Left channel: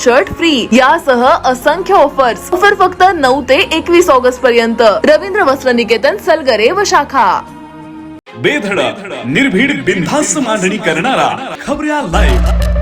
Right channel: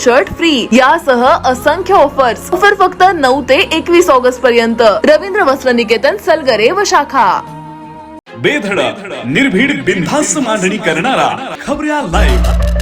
Shirt free. यासह असंख्य offers offer फक्त नऊ ते एकवीस ऑगस्ट पर्यंत. रवींद्र वस्त्र निकेतन सलगरे व शाखा. बेधडक निर्भीड बिनधास्त मांडणी करणारा खबऱ्या लाईव्ह